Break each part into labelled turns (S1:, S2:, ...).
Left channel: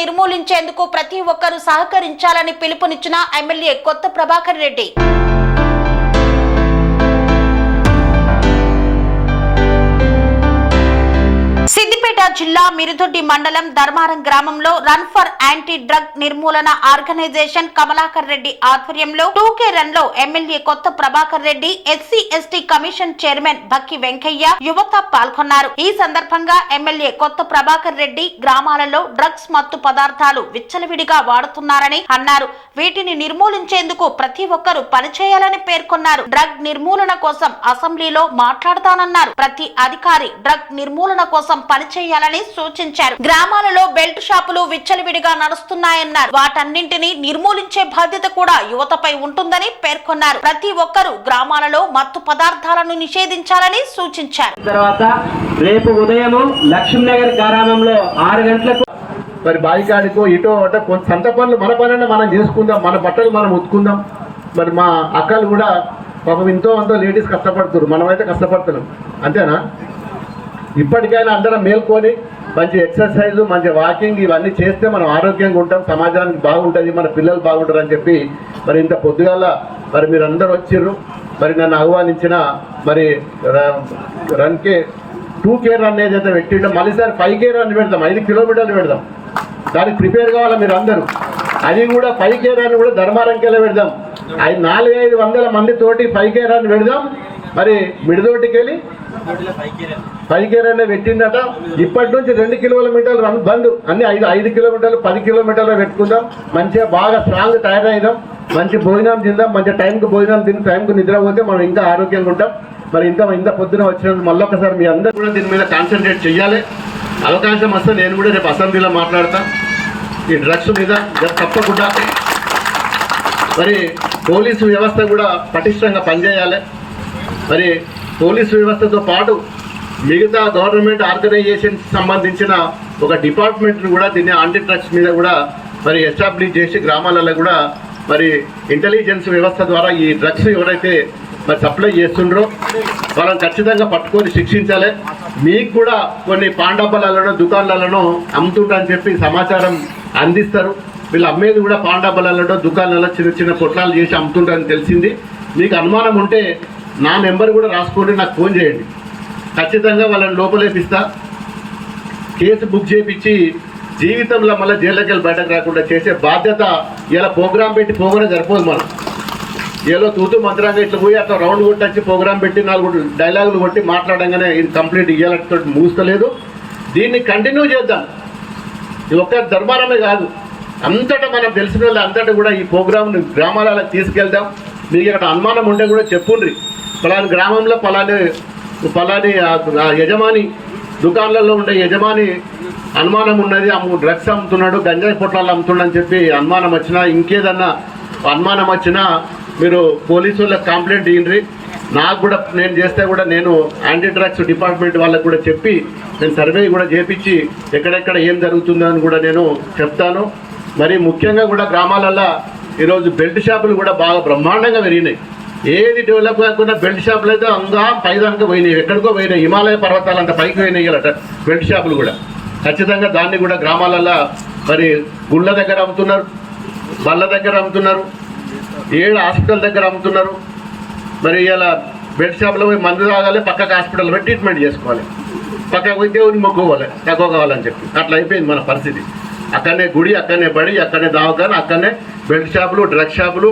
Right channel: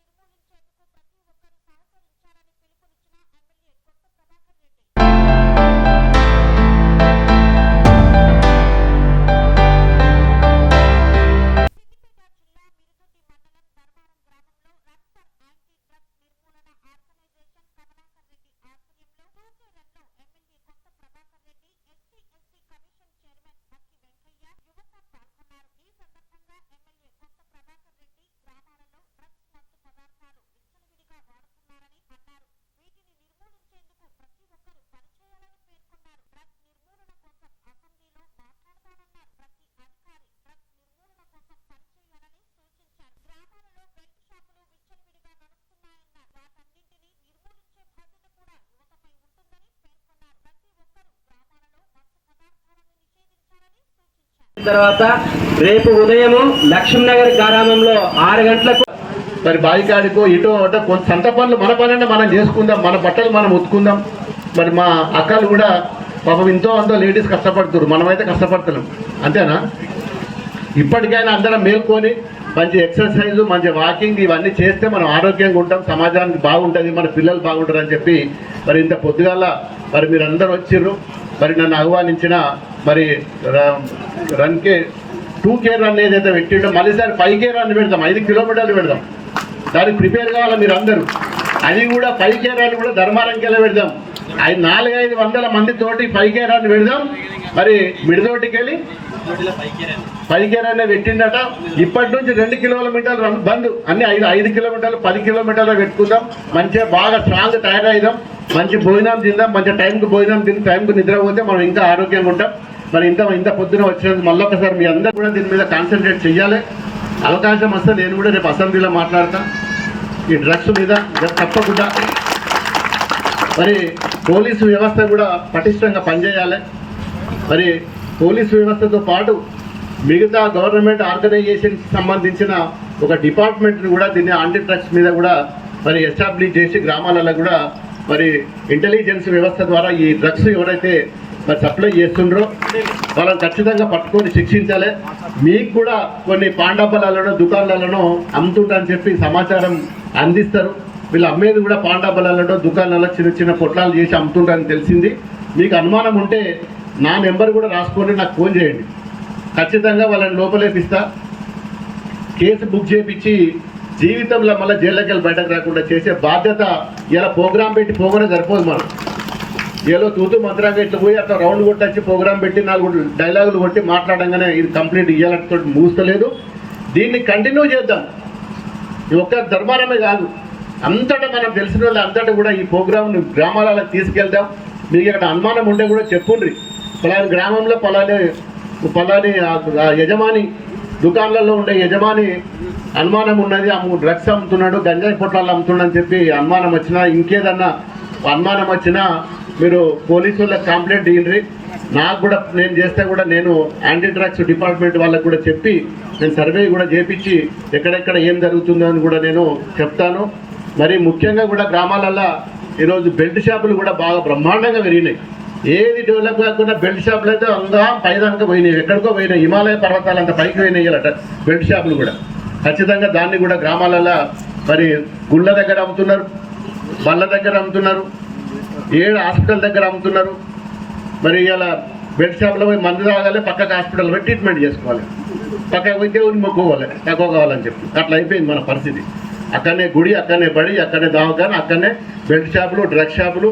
S1: నిర్మూలించేందుకు ప్రతి ఒక్కరూ సహకరించాలని పిలుపునిచ్చిన ఎమ్మెల్యే కొత్త ప్రభాకర్ రెడ్డి. సిద్దిపేట జిల్లా మిరుదొడ్డి మండలం ధర్మారం గ్రామంలో రన్ ఫర్ యాంటీ డ్రగ్ నిర్మూలన ఆర్గనైజేషన్ కమలాకర్ రెడ్డి ఆధ్వర్యంలో టూకే రన్లో MLA Kotha Prabhakar Reddy SC ST commission chairman Bakki Venkaiah యువత పాల్గొన్నారు. ఈ సందర్భంగా ఎమ్మెల్యే కొత్త ప్రభాకర్ రెడ్డి గ్రామాలలో డ్రగ్స్ మత్తు పదార్థాలు విచ్చలవిడిగా వాడుతున్నారని అన్నారు. వీటిని నిర్మూలించేందుకు ప్రతి ఒక్కరూ పనిచేయాలని పేర్కొన్నారు. డ్రగ్ నిర్మూలన కోసం అసెంబ్లీలో మాట్లాడతానన్నారు. ప్రతి అధికారి డ్రగ్ నిర్మూలన కోసం చేయాలని సూచించారు. గ్రామాలలో బెల్ట్ షాపులు విచ్చలవిడిగా నడుస్తున్నాయన్నారు. వాటన్నింటినీ నిర్మూలించే బాధ్యత కూడా యువతపై ఉంటుందని పేర్కొన్నారు. ప్రతి ఒక్కరూ గ్రామాలలో మత్తు పదార్థాలను నిషేధించాలని సూచించారు.
S2: తర్వాత రేపు ఉదయం లక్ష్మీనగర్ గ్రామంలో ఆరు గంటలకు
S3: మరి బాయికాడికో ఇటో అటో కొంత సంత పనులు మన పనైనా మనం చేసుకుందాం మన బట్టలు మనం ఉతుకుందాం. మరి మా అక్కలు కూడా పాపం ఎంతో అంతో లేడీస్ కష్టపడుతున్నారు మనమైతే కష్టపడుతున్నాం అంతేనా? ఇప్పటికైనా అందరం మేల్కొని మంచి ఎక్సర్సైజ్ మంచి వాకింగ్ ఇవన్నీ చేస్తే మనం ఆరోగ్యంగా ఉంటాం సమాజానికి బాగుంటుంది మన పిల్లలు బాగుంటారు అని చెప్పి మరి ఇంత పొద్దుగాల మరి మీరు అందరు వచ్చిర్రు. మరి నన్ను ఆహ్వానించిన మరి ర- రన్కి టూ కే రన్ ఏదైతే పెట్టిండో మళ్ళీసారి ఫైవ్ కే రన్ పెడదాం ఐదు కిలోమీటర్లు పెడదాం. దానికి ప్రిపేర్ కావాలి మీరు అందరూ అది కూడా ఫైవ్ కే రన్ కూడా ధర్మారంకెళ్ళ పెడదాం. ఐదు నాలుగైదు వందల మంది తోటి ఫైవ్ కే రన్ పెడదాం. మరి మిడిదోటికి వెళ్ళి పైకేరనే పెట్టిండట ఇప్పటి నుంచి రెండు కిలోమీటర్లు బంద్. అన్ని ఐదు ఐదు కిలోమీటర్లు పది కిలోమీటర్లు పెట్టుకుందాం. మంచిగా బాగా స్ట్రాంగ్ తయారైదాం. మంచి భోజనం తిందాం. మంచి టైంకి భోజనం తిని టైంకి నిద్ర పోతే మనం ఇంకా ఆరోగ్యంగా ఉంటాం. మరి ఇంత ఇంత పొద్దున వచ్చినందుకు మళ్ళీ ఒకసారి మీ అందరూ కూడా దీని మీద కాన్సన్ట్రేట్ చేయాలి అవకాశం వస్తే నేను కూడా రేపు అసెంబ్లీలో మాట్లాడతా. ఈ డ్రగ్స్ మీద తప్పకుండా. మరి పోలీసు వ్యవస్థ కూడా పటిష్టంగా పనిచేయాలి. మరి పోలీసు వ్యవస్థతో పాటు మిగతా గవర్నమెంట్ ఆర్గనైజేషన్ సంబంధించిన ఒక డిపార్ట్మెంట్ను కూడా దీన్ని ఆంటీ డ్రగ్స్ మీద కూడా మరి ఎస్టాబ్లిష్ చేసి గ్రామాలలో కూడా మరి ఇంటెలిజెన్స్ వ్యవస్థ ద్వారా ఈ డ్రగ్స్ ఎవరైతే మరి సప్లై చేస్తుండ్రో వాళ్ళని ఖచ్చితంగా పట్టుకొని శిక్షించాలి. మీకు కూడా కొన్ని పాండాబలాలను దుకాణాలను అమ్ముతుంటని చెప్పి సమాచారం అందిస్తారు. వీళ్ళు అమ్మేది కూడా పాండాబలాలలో దుకాణాలలో చిన్న చిన్న పొట్లాలు చేసి అమ్ముతుంటారని తెలిసింది. మీకు అనుమానం ఉంటే నా నెంబర్ కూడా రాసుకోండి నాకు ఫోన్ చేయండి. ఖచ్చితంగా వాళ్ళని లోపలేపిస్తా. కేసు బుక్ చేయించి జీవితంలో మళ్ళీ జైల్లోకి వెళ్ళి బయటకు రాకుండా చేసే బాధ్యత ఇలా ప్రోగ్రాం పెట్టి పోగానే సరిపోదు మనం. ఏదో తూతు మంత్రంగా ఇట్లా పోయి అట్లా రౌండ్ కొట్టి వచ్చి ప్రోగ్రాం పెట్టి నాలుగు డైలాగులు కొట్టి మాట్లాడంగానే ఇది కంప్లీట్ ఇయ్యాలంతో మూస్తలేదు. దీన్ని కంటిన్యూ చేద్దాం. ఇది ఒక్క ధర్మారమే కాదు. అంతటా మనం తెలిసిన వాళ్ళు అంతటా కూడా ఈ ప్రోగ్రామ్ని గ్రామాలకు తీసుకెళ్దాం. మీకు ఇక్కడ అనుమానం ఉంటే కూడా చెప్పుండ్రి. పలాని గ్రామంలో పలాని ఫలాని ఆ- యజమాని దుకాణాలలో ఉండే యజమాని అనుమానం ఉన్నది అమ్ము డ్రగ్స్ అమ్ముతున్నాడు గంజాయి పొట్లాలు అమ్ముతున్నాడని చెప్పి అనుమానం వచ్చినా ఇంకేదన్నా అనుమానం వచ్చినా మీరు పోలీసు వాళ్ళకి కంప్లైంట్ ఇయ్యండి. నాకు కూడా నేను చేస్తే కూడా నేను యాంటీ డ్రగ్స్ డిపార్ట్మెంట్ వాళ్ళకి కూడా చెప్పి నేను సర్వే కూడా చేపించి ఎక్కడెక్కడ ఏం జరుగుతుందో అని కూడా నేను చెప్తాను. మరి ముఖ్యంగా కూడా గ్రామాలల్లో ఈరోజు బెల్ట్ షాపులు కూడా బాగా బ్రహ్మాండంగా పెరిగినాయి. ఏది డెవలప్ కాకుండా బెల్ట్ షాపులు అయితే అంతా పైదానికి పోయినాయి. ఎక్కడికో పోయినాయి. హిమాలయ పర్వతాలు అంత పైకి పోయినాయి అట బెల్ట్ షాపులు కూడా. ఖచ్చితంగా దాన్ని కూడా గ్రామాలలో మరి గుళ్ళ దగ్గర అమ్ముతున్నారు బళ్ళ దగ్గర అమ్ముతున్నారు ఏడు హాస్పిటల్ దగ్గర అమ్ముతున్నారు. మరి ఇలా బెడ్ షాప్లో పోయి మందు తాగాలి పక్కకు హాస్పిటల్ పోయి ట్రీట్మెంట్ చేసుకోవాలి. పక్కకు పోయి దేవుని మొక్కుకోవాలి తక్కువ కావాలని చెప్పి. అట్లా అయిపోయింది మన పరిస్థితి. అక్కడనే గుడి అక్కడనే బడి అక్కడనే దావకాన అక్కడనే బెల్ట్ షాపులు డ్రగ్ షాపులు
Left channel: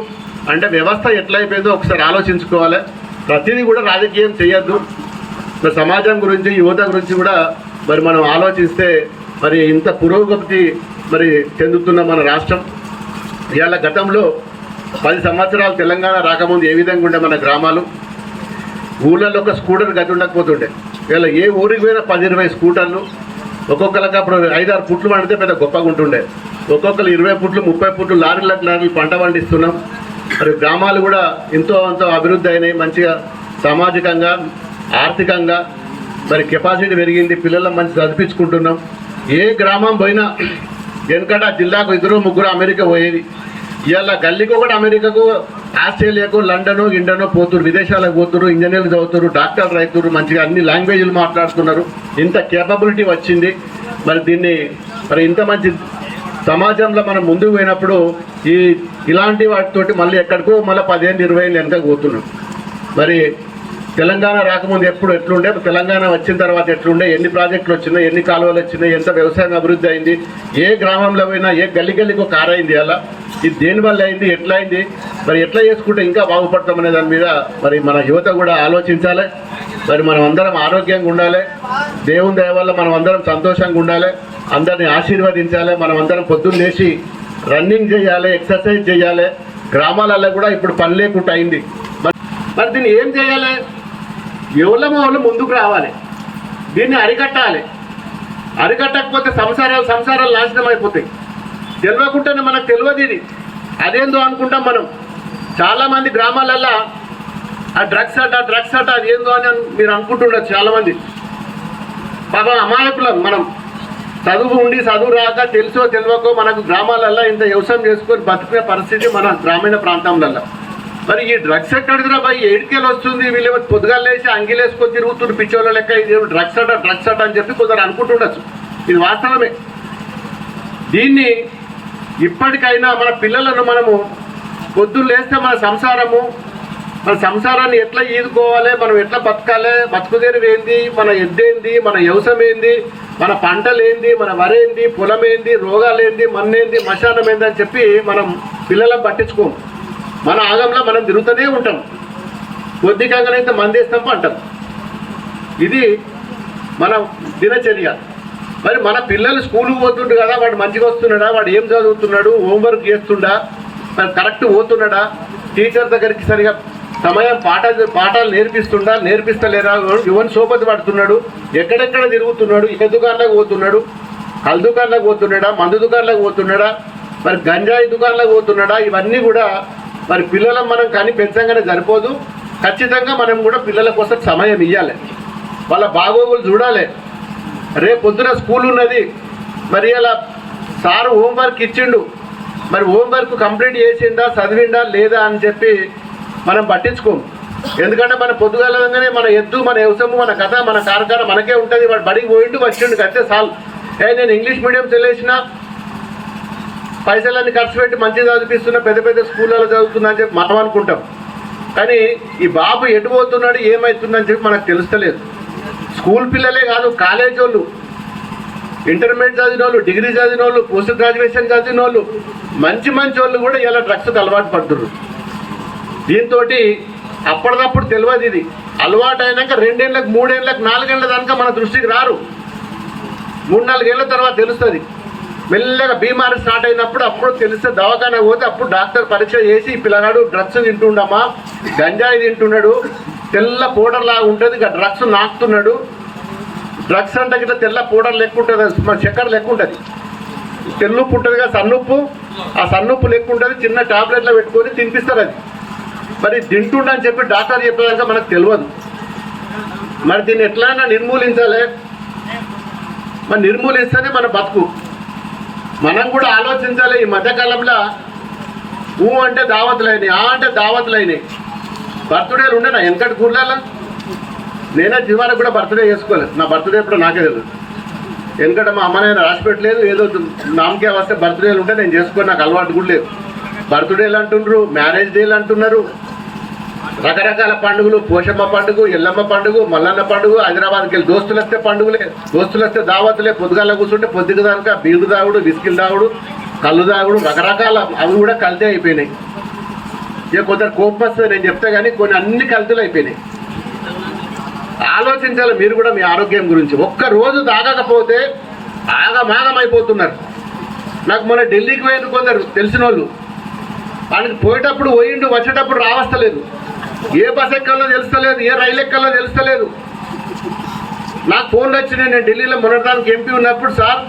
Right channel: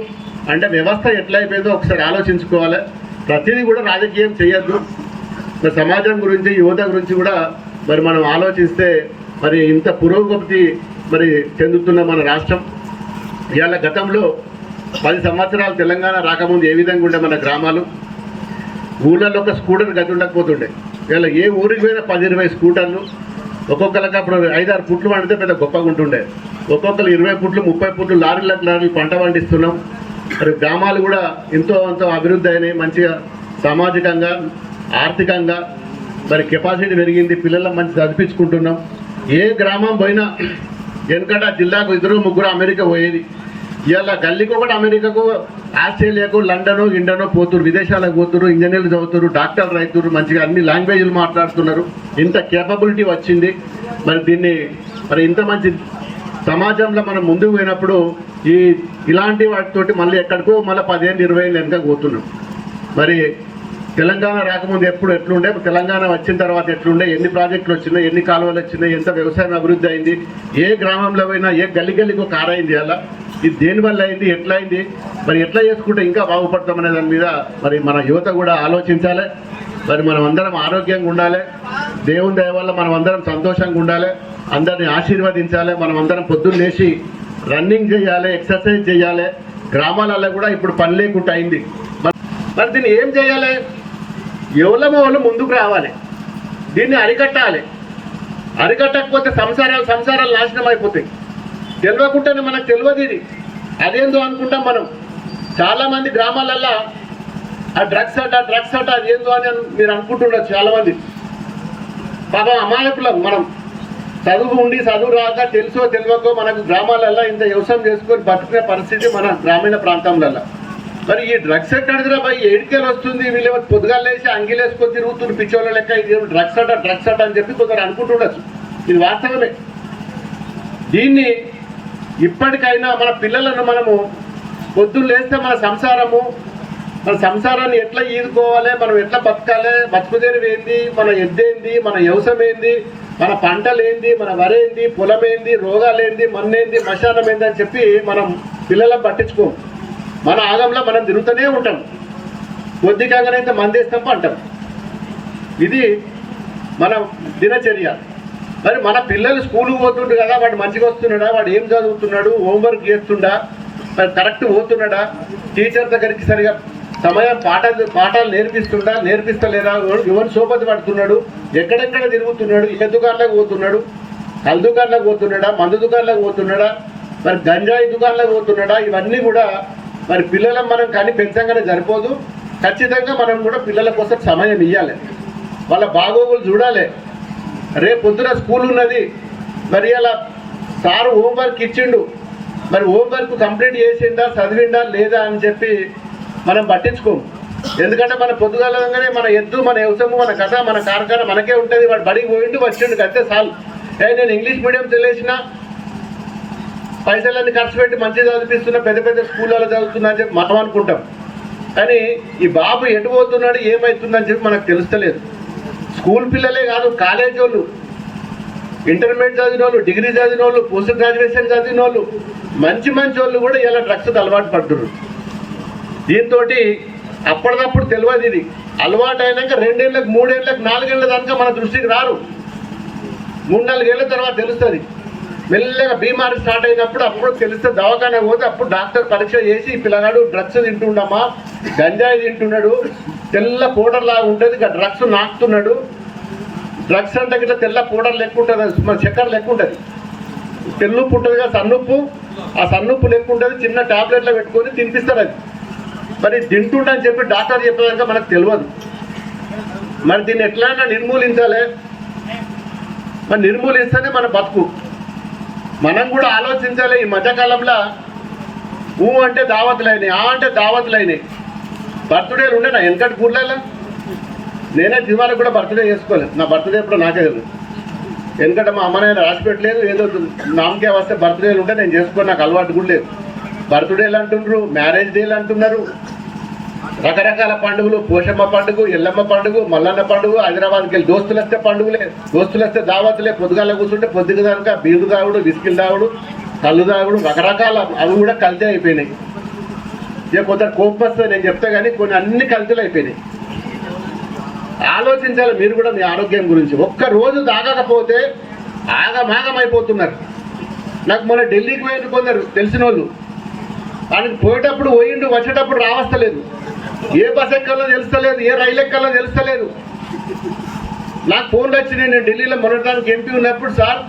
S3: అంటే వ్యవస్థ ఎట్లయిపోయిందో ఒకసారి ఆలోచించుకోవాలి. ప్రతిదీ కూడా రాజకీయం చేయొద్దు. మరి సమాజం గురించి యువత గురించి కూడా మరి మనం ఆలోచిస్తే మరి ఇంత పురోగతి మరి చెందుతున్న మన రాష్ట్రం. ఇవాళ గతంలో పది సంవత్సరాలు తెలంగాణ రాకముందు ఏ విధంగా ఉండే మన గ్రామాలు? ఊళ్ళల్లో ఒక స్కూటర్ గది ఉండకపోతుండే. ఇవాళ ఏ ఊరికి పోయినా పది ఇరవై స్కూటర్లు ఒక్కొక్కరికి అప్పుడు ఐదారు పుట్లు పండితే పెద్ద గొప్పగా ఉంటుండే. ఒక్కొక్కరు ఇరవై పుట్లు ముప్పై పుట్లు లారీలకు లారీలు పంట పండిస్తున్నాం. మరి గ్రామాలు కూడా ఎంతో అంత అభివృద్ధి అయినాయి మంచిగా సామాజికంగా ఆర్థికంగా. మరి కెపాసిటీ పెరిగింది పిల్లలను మంచి చదివించుకుంటున్నాం. ఏ గ్రామం పోయినా వెనుకట జిల్లాకు ఇద్దరు ముగ్గురు అమెరికా పోయేది. ఇవాళ గల్లీకి ఒకటి అమెరికాకు ఆస్ట్రేలియాకు లండను ఇండను పోతురు విదేశాలకు పోతురు ఇంజనీర్లు చదువుతారు డాక్టర్లు రైతురు మంచిగా అన్ని లాంగ్వేజ్లు మాట్లాడుతున్నారు. ఇంత కేపబిలిటీ వచ్చింది. మరి దీన్ని మరి ఇంత మంచి సమాజంలో మనం ముందుకు పోయినప్పుడు ఈ ఇలాంటి వాటితోటి మళ్ళీ ఎక్కడికో మళ్ళీ పదిహేను ఇరవై ఏళ్ళు వెనక పోతున్నాం. మరి తెలంగాణ రాకముందు ఎప్పుడు ఎట్లుండే? తెలంగాణ వచ్చిన తర్వాత ఎట్లుండే? ఎన్ని ప్రాజెక్టులు వచ్చినాయి? ఎన్ని కాలువలు వచ్చినాయి? ఎంత వ్యవసాయం అభివృద్ధి అయింది? ఏ గ్రామంలో పోయినా ఏ గల్లి గల్లికి ఒక అలా ఇది దేనివల్ల అయింది? ఎట్లా అయింది? మరి ఎట్లా చేసుకుంటే ఇంకా బాగుపడతామనే దాని మీద మరి మన యువత కూడా ఆలోచించాలి. మరి మనం అందరం ఆరోగ్యంగా ఉండాలి. దేవుని దయ వల్ల మనం అందరం సంతోషంగా ఉండాలి. అందరిని ఆశీర్వదించాలి. మనం అందరం పొద్దున్న లేచి రన్నింగ్ చేయాలి ఎక్సర్సైజ్ చేయాలి. గ్రామాలలో కూడా ఇప్పుడు పని లేకుండా అయింది. మరి మరి దీన్ని ఏం చేయాలి? ఎవరమో వాళ్ళు ముందుకు రావాలి. దీన్ని అరికట్టాలి. అరికట్టకపోతే సంసారాలు సంసారాలు నాశనం అయిపోతాయి. తెలియకుండానే మనకు తెలియదు ఇది. అదేందో అనుకుంటాం మనం. చాలామంది గ్రామాలల్లో ఆ డ్రగ్స్ అట డ్రగ్స్ అట అదేందో అని మీరు అనుకుంటుండొచ్చు చాలామంది. పాపం అమాయకులం మనం. చదువు ఉండి చదువు రాక తెలుసో తెలియకో మనకు గ్రామాలల్లో ఇంత వ్యవసాయం చేసుకొని బతుకునే పరిస్థితి మన గ్రామీణ ప్రాంతంలలో మరి ఈ డ్రగ్స్ ఎక్కడిదిరా బాయ్? ఏడికేలు వస్తుంది వీళ్ళు పొద్దుగాలు లేచి అంగిలేసుకొని తిరుగుతున్నారు పిచ్చోళ్ళ లెక్క ఇది డ్రగ్స్ అట డ్రగ్స్ అట అని చెప్పి కొందరు అనుకుంటుండొచ్చు. ఇది వాస్తవమే. దీన్ని ఇప్పటికైనా మన పిల్లలను మనము పొద్దున్న లేస్తే మన సంసారము మన సంసారాన్ని ఎట్లా ఈదుకోవాలి మనం ఎట్లా బతకాలి బతుకుదేరు ఏంది మన ఎద్దేంది మన వ్యవసాయం ఏంది మన పంటలు ఏంది మన వరేంది పొలం ఏంది రోగాలు ఏంది మన్నేంది మశానం ఏంది అని చెప్పి మనం పిల్లలను పట్టించుకోం మన ఆగంలో మనం తిరుగుతూనే ఉంటాం. కొద్దిగానైతే మందేస్తాం అంటాం ఇది మన దినచర్య. మరి మన పిల్లలు స్కూల్కి పోతుండు కదా వాడు మంచిగా వస్తున్నాడా వాడు ఏం చదువుతున్నాడు హోంవర్క్ చేస్తుండా మరి కరెక్ట్ పోతున్నాడా టీచర్ దగ్గరికి సరిగా సమయం పాఠ పాఠాలు నేర్పిస్తుండా నేర్పిస్తలేరా ఎవరిని సోపతి పడుతున్నాడు ఎక్కడెక్కడ తిరుగుతున్నాడు ఏ దుకాణాలకు పోతున్నాడు కల్ దుకాణాలకు పోతున్నాడా మందు దుకాణాలకు పోతున్నాడా మరి గంజాయి దుకాణాలకు పోతున్నాడా ఇవన్నీ కూడా మరి పిల్లలను మనం కానీ పెంచంగానే సరిపోదు. ఖచ్చితంగా మనం కూడా పిల్లల కోసం సమయం ఇవ్వాలి వాళ్ళ బాగోగులు చూడాలి. రేపు పొద్దున స్కూల్ ఉన్నది. మరి అలా సార్ హోంవర్క్ ఇచ్చిండు. మరి హోంవర్క్ కంప్లీట్ చేసిండా చదివిండా లేదా అని చెప్పి మనం పట్టించుకోము. ఎందుకంటే మన పొద్దుగాలగానే మన ఎద్దు మన వ్యవసాయము మన కథ మన కార్ఖాన మనకే ఉంటుంది. వాడు బడికి పోయిండు వచ్చిండు అంతే చాలు ఏ నేను ఇంగ్లీష్ మీడియం చదివేసిన. పైసలన్నీ ఖర్చు పెట్టి మంచిగా చదివిస్తున్న పెద్ద పెద్ద స్కూళ్ళలో చదువుతున్నా అని చెప్పి మనం అనుకుంటాం. కానీ ఈ బాబు ఎటు పోతున్నాడు ఏమవుతుందని చెప్పి మనకు తెలుస్తలేదు. స్కూల్ పిల్లలే కాదు కాలేజ్ వాళ్ళు. ఇంటర్మీడియట్ చదివిన వాళ్ళు డిగ్రీ చదివిన వాళ్ళు పోస్ట్ గ్రాడ్యుయేషన్ చదివిన వాళ్ళు మంచి మంచి వాళ్ళు కూడా ఇలా డ్రగ్స్కి అలవాటు పడుతున్నారు. దీంతో అప్పటిదప్పుడు తెలియదు ఇది. అలవాటు అయినాక రెండేళ్ళకి మూడేళ్ళకి నాలుగేళ్ళ దానిక మన దృష్టికి రారు. మూడు నాలుగేళ్ళ తర్వాత తెలుస్తుంది. మెల్లగా బీమారి స్టార్ట్ అయినప్పుడు అప్పుడు తెలిస్తే దవాఖానా పోతే అప్పుడు డాక్టర్ పరీక్ష చేసి పిల్లగాడు డ్రగ్స్ తింటుండమ్మా గంజాయి తింటున్నాడు తెల్ల పౌడర్ లాగా ఉంటుంది ఇక డ్రగ్స్ నాకుతున్నాడు. డ్రగ్స్ అంటే గిట్ల తెల్ల పౌడర్ లెక్క ఉంటుంది మన చక్కెర లెక్క ఉంటుంది తెల్లుప్పు ఉంటుంది కదా సన్నుప్పు. ఆ సన్నుప్పు లెక్క ఉంటుంది చిన్న టాబ్లెట్లో పెట్టుకొని తినిపిస్తారు అది. మరి తింటుండని చెప్పి డాక్టర్ చెప్పేదానికి మనకు తెలియదు మరి దీన్ని ఎట్లైనా నిర్మూలించాలి. మరి నిర్మూలిస్తేనే మన బతుకు. మనం కూడా ఆలోచించాలి ఈ మధ్యకాలంలో. ఊ అంటే దావతులైనాయి ఆ అంటే దావతులైనాయి. బర్త్డేలు ఉండే నా వెనకటి ఊర్లలో నేనే జీవానికి కూడా బర్త్డే చేసుకోలేదు నా బర్త్డే ఎప్పుడు నాకే తెలుసు ఎందుకంటే మా అమ్మ నేను రాసి పెట్టలేదు. ఏదో నామకే వస్తే బర్త్డేలు ఉంటే నేను చేసుకొని నాకు అలవాటు కూడా లేదు. బర్త్డేలు అంటున్నారు మ్యారేజ్ డేలు అంటున్నారు. రకరకాల పండుగలు పోషమ్మ పండుగ ఎల్లమ్మ పండుగ మల్లన్న పండుగ హైదరాబాద్కి వెళ్ళి దోస్తులు వస్తే పండుగలే దోస్తులు వస్తే దావతులే పొద్దుగాల కూర్చుంటే పొద్దుకు దానిక బీరు తాగుడు బిస్కిల్ తాగుడు కళ్ళు తాగుడు రకరకాల అవి కూడా కలితే అయిపోయినాయి. ఇక కొందరు కోపం వస్తుంది నేను చెప్తే కానీ కొన్ని అన్ని కల్తీలు అయిపోయినాయి. ఆలోచించాలి మీరు కూడా మీ ఆరోగ్యం గురించి. ఒక్క రోజు తాగకపోతే ఆగమాగం అయిపోతున్నారు. నాకు మొన్న ఢిల్లీకి పోయిన కొందరు తెలిసిన వాళ్ళు వాళ్ళకి పోయేటప్పుడు పోయిండు వచ్చేటప్పుడు రావస్తలేదు. ఏ బస్ ఎక్కాలో తెలుస్తలేదు ఏ రైలు ఎక్కాలో తెలుస్తలేదు. నాకు ఫోన్లు వచ్చినాయి. నేను ఢిల్లీలో మొన్నటానికి ఎంపీ ఉన్నప్పుడు సార్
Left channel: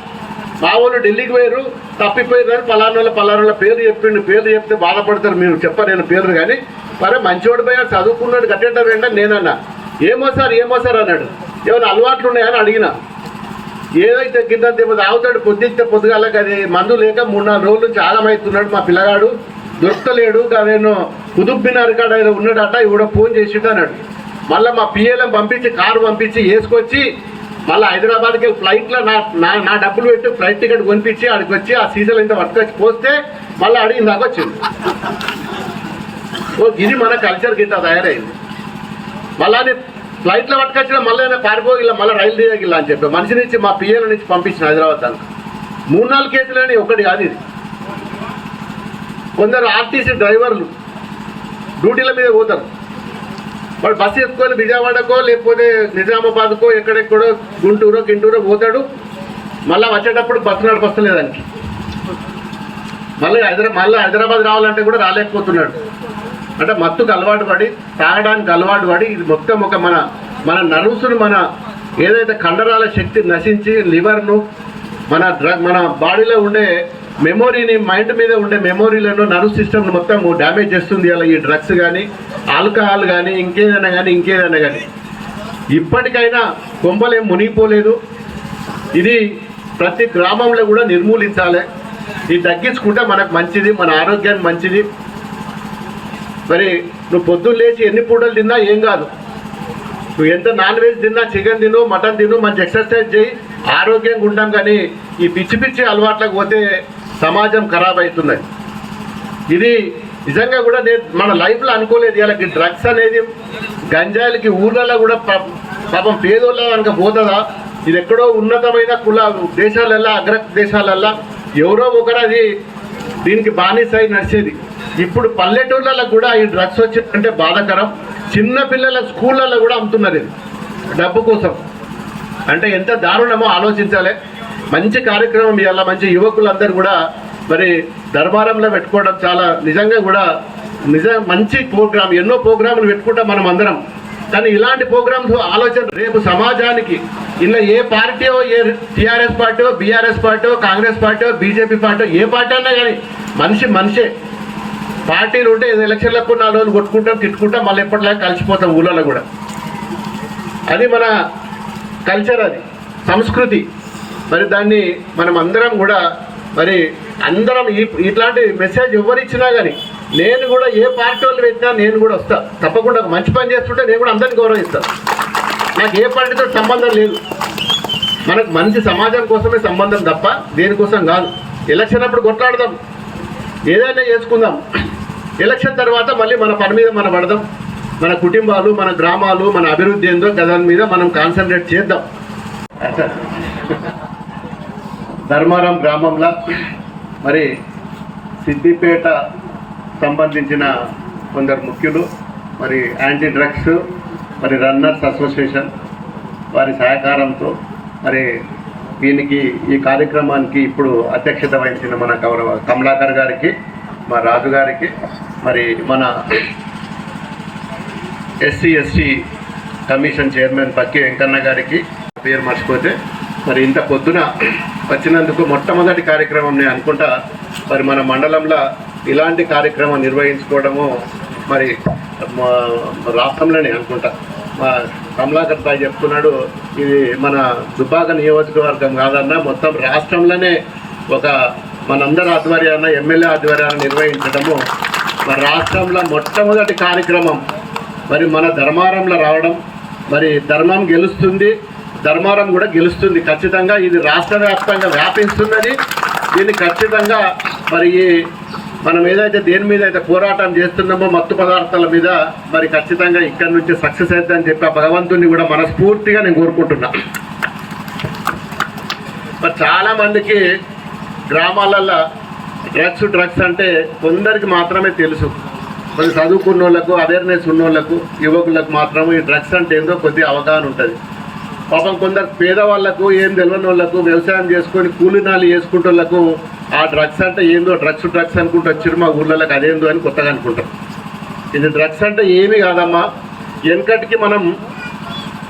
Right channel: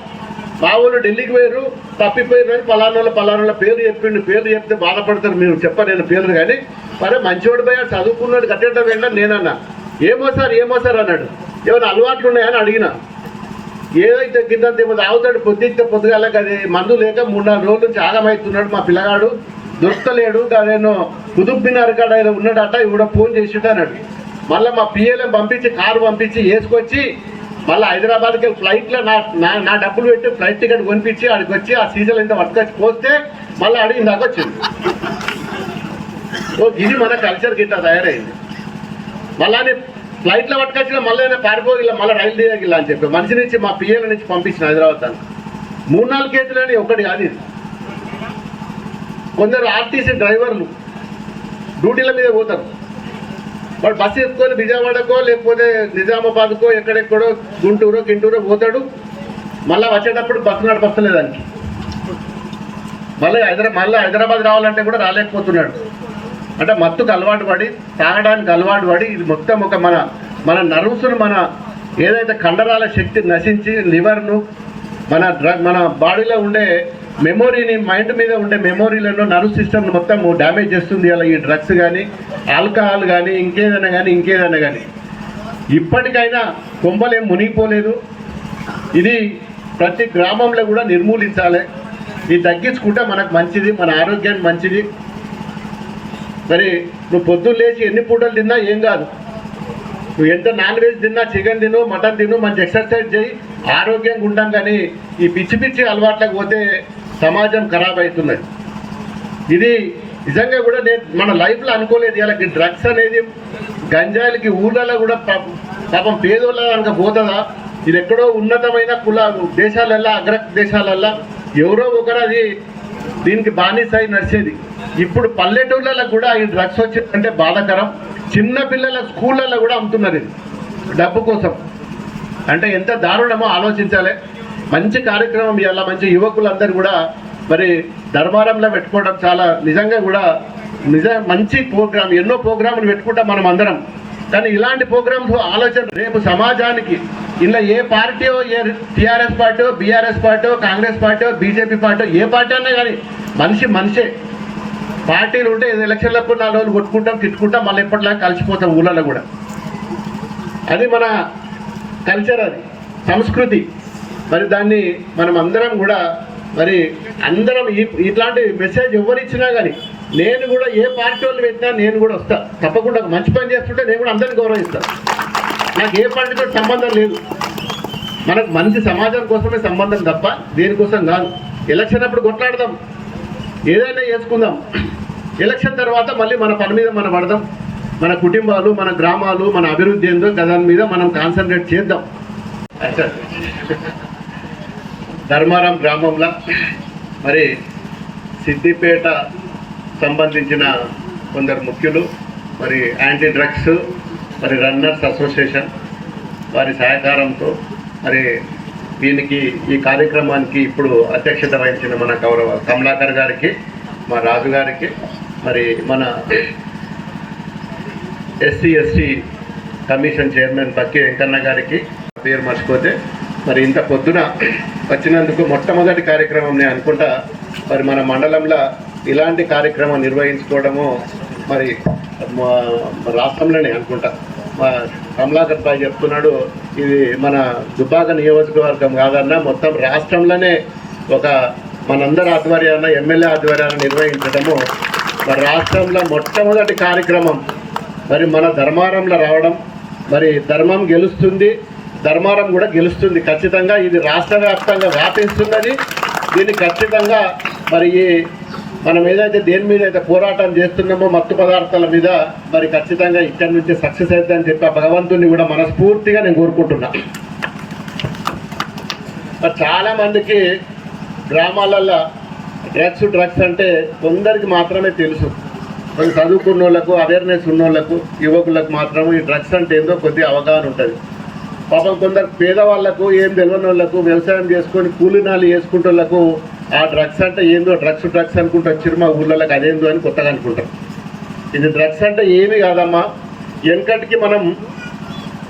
S3: మా వాళ్ళు ఢిల్లీకి పోయారు తప్పిపోయారు పలానోళ్ళ పలానోళ్ళ పేరు చెప్పిండు పేరు చెప్తే బాధపడతారు మీరు చెప్పారు నేను పేరు కానీ మరే మంచివాడు పోయాడు చదువుకున్నాడు కట్టేట వెళ్ళా నేనన్నా. ఏమో సార్ ఏమో సార్ అన్నాడు. ఏమైనా అలవాట్లు ఉన్నాయని అడిగిన. ఏదైతే కింద ఏమో తాగుతాడు పొద్దుతే పొద్దుగాలకి అది మందు లేక మూడు నాలుగు రోజుల నుంచి ఆగమవుతున్నాడు మా పిల్లగాడు. దొరకలేడు నేను కుదుబ్బినారు కాడ ఉన్నాడట ఇవిడ ఫోన్ చేసిడు అన్నాడు. మళ్ళీ మా పిఎలం పంపించి కారు పంపించి వేసుకొచ్చి మళ్ళీ హైదరాబాద్కి వెళ్ళి ఫ్లైట్లో నా నా నా డబ్బులు పెట్టి ఫ్లైట్ టికెట్ కొనిపించి ఆడికి వచ్చి ఆ సీజన్ ఇంత పట్టుకొచ్చి పోస్తే మళ్ళీ అడిగి నాకు వచ్చింది. ఓ ఇది మన కల్చర్ గిట్ట తయారైంది. మళ్ళా ఫ్లైట్లో పట్టుకొచ్చిన మళ్ళీ పారిపో ఇలా మళ్ళీ రైలు దిగగిల్లా అని చెప్పి మనిషి నుంచి మా పిఎల నుంచి పంపించిన హైదరాబాద్ దానికి మూడు నాలుగు కేసులని ఒకటి కాదు ఇది. కొందరు ఆర్టీసీ డ్రైవర్లు డ్యూటీల మీద పోతారు. వాడు బస్సు ఎత్తుకొని విజయవాడకో లేకపోతే నిజామాబాద్కో ఎక్కడెక్కడో గుంటూరో గింటూరో పోతాడు. మళ్ళీ వచ్చేటప్పుడు బస్సు నడపస్తలేదానికి మళ్ళీ హైదరాబాద్ మళ్ళీ హైదరాబాద్ రావాలంటే కూడా రాలేకపోతున్నాడు. అంటే మత్తుకు అలవాటు పడి తాగడానికి అలవాటు పడి ఇది మొత్తం ఒక మన మన నర్వ్స్ను మన ఏదైతే కండరాల శక్తి నశించి లివర్ను మన డ్రగ్ మన బాడీలో ఉండే మెమోరీని మైండ్ మీద ఉండే మెమోరీలను నర్వ్ సిస్టమ్ మొత్తం డ్యామేజ్ చేస్తుంది అలా ఈ డ్రగ్స్ కానీ ఆల్కహాల్ కానీ ఇంకేదైనా కానీ ఇంకేదైనా కానీ ఇప్పటికైనా కొంపలేం మునిగిపోలేదు. ఇది ప్రతి గ్రామంలో కూడా నిర్మూలించాలి. ఇది తగ్గించుకుంటే మనకు మంచిది మన ఆరోగ్యానికి మంచిది. మరి నువ్వు పొద్దున్న లేచి ఎన్ని పూటలు తిన్నా ఏం కాదు. నువ్వు ఎంత నాన్ వెజ్ తిన్నా చికెన్ తిను మటన్ తిను మంచి ఎక్సర్సైజ్ చేయి. ఆరోగ్యంగా ఉంటాం కానీ ఈ పిచ్చి పిచ్చి అలవాట్లకు పోతే సమాజం ఖరాబ్ అవుతున్నది ఇది నిజంగా కూడా నేను మన లైఫ్లో అనుకోలేదు. ఇలాగ డ్రగ్స్ అనేది గంజాయిలకి ఊర్లలో కూడా పాపం- పాపం పేదోళ్ళ కనుక పోతుందా? ఇది ఎక్కడో ఉన్నతమైన కుల దేశాలల్లో అగ్ర దేశాలల్లో ఎవరో ఒకరు అది దీనికి బానిస అయి నడిచేది. ఇప్పుడు పల్లెటూళ్ళలో కూడా ఈ డ్రగ్స్ వచ్చిందంటే బాధాకరం. చిన్న పిల్లల స్కూళ్ళల్లో కూడా అమ్ముతున్నారు ఇది డబ్బు కోసం. అంటే ఎంత దారుణమో ఆలోచించాలి. మంచి కార్యక్రమం ఇవాళ మంచి యువకులందరూ కూడా మరి దర్బారంలో పెట్టుకోవడం చాలా నిజంగా కూడా నిజ మంచి ప్రోగ్రామ్ ఎన్నో ప్రోగ్రాములు పెట్టుకుంటాం మనం అందరం. కానీ ఇలాంటి ప్రోగ్రామ్స్ ఆలోచన రేపు సమాజానికి ఇలా ఏ పార్టీయో ఏ TRS party BRS party Congress party BJP party ఏ పార్టీ అన్నా కానీ మనిషి మనిషే. పార్టీలు ఉంటే ఏదో ఎలక్షన్లకు నాలుగు రోజులు కొట్టుకుంటాం తిట్టుకుంటాం మళ్ళీ ఎప్పటిలాగా కలిసిపోతాం ఊళ్ళలో కూడా. అది మన కల్చర్ అది సంస్కృతి. మరి దాన్ని మనం అందరం కూడా మరి అందరం ఈ ఇట్లాంటి మెసేజ్ ఎవరిచ్చినా కానీ నేను కూడా ఏ పార్టీ వాళ్ళు పెట్టినా నేను కూడా వస్తా. తప్పకుండా మంచి పని చేస్తుంటే నేను కూడా అందరిని గౌరవిస్తాను నాకు ఏ పార్టీతో సంబంధం లేదు. మనకు మంచి సమాజం కోసమే సంబంధం తప్ప దేనికోసం కాదు. ఎలక్షన్ అప్పుడు కొట్లాడదాం. ఏదైనా చేసుకుందాం. ఎలక్షన్ తర్వాత మళ్ళీ మన పని మీద మనం పడదాం. మన కుటుంబాలు మన గ్రామాలు మన అభివృద్ధి ఏందో దాని మీద మనం కాన్సన్ట్రేట్ చేద్దాం. అచ్చా. ధర్మారం గ్రామంలో మరి సిద్దిపేట సంబంధించిన కొందరు ముఖ్యులు మరి యాంటీ డ్రగ్స్ మరి రన్నర్స్ అసోసియేషన్ వారి సహకారంతో మరి దీనికి ఈ కార్యక్రమానికి ఇప్పుడు అధ్యక్షత వహించిన మన గౌరవ కమలాకర్ గారికి మా రాజు గారికి మరి మన SC ST commission chairman Pakki Venkanna గారికి పేరు మర్చిపోతే మరి ఇంత పొద్దున వచ్చినందుకు మొట్టమొదటి కార్యక్రమం నేను అనుకుంటా మరి మన మండలంలో ఇలాంటి కార్యక్రమం నిర్వహించుకోవడము మరి మా రాష్ట్రంలోనే అనుకుంటా. మా కమలాకర్ భాయ్ చెప్తున్నాడు ఇది మన దుబ్బాక నియోజకవర్గం కాదన్నా మొత్తం రాష్ట్రంలోనే ఒక మనందరి ఆధ్వర్యాన ఎమ్మెల్యే ఆధ్వర్యాన నిర్వహించడము. మరి రాష్ట్రంలో మొట్టమొదటి కార్యక్రమం మరి మన ధర్మారంలో రావడం మరి ధర్మం గెలుస్తుంది ధర్మారం కూడా గెలుస్తుంది. ఖచ్చితంగా ఇది రాష్ట్ర వ్యాప్తంగా వ్యాపిస్తున్నది. దీన్ని ఖచ్చితంగా మరి మనం ఏదైతే దేని మీద అయితే పోరాటం చేస్తున్నామో మత్తు పదార్థాల మీద మరి ఖచ్చితంగా ఇక్కడి నుంచి సక్సెస్ అవుతుందని చెప్పి ఆ భగవంతుని కూడా మనస్ఫూర్తిగా నేను కోరుకుంటున్నా. మరి చాలామందికి గ్రామాలల్లో గ్రామాలలో డ్రగ్స్ డ్రగ్స్ అంటే కొందరికి మాత్రమే తెలుసు. కొంచెం చదువుకున్న వాళ్ళకు అవేర్నెస్ ఉన్న వాళ్ళకు యువకులకు మాత్రం ఈ డ్రగ్స్ అంటే ఏందో కొద్దిగా అవగాహన ఉంటుంది. పాపం కొందరు పేదవాళ్ళకు ఏం తెలియని వాళ్ళకు వ్యవసాయం చేసుకొని కూలినాలు చేసుకుంటే వాళ్ళకు ఆ డ్రగ్స్ అంటే ఏందో డ్రగ్స్ డ్రగ్స్ అనుకుంటూ వచ్చారు మా ఊళ్ళకి అదేందో అని కొత్తగా అనుకుంటారు ఇది డ్రగ్స్ అంటే ఏమి కాదమ్మా. వెనకటికి మనం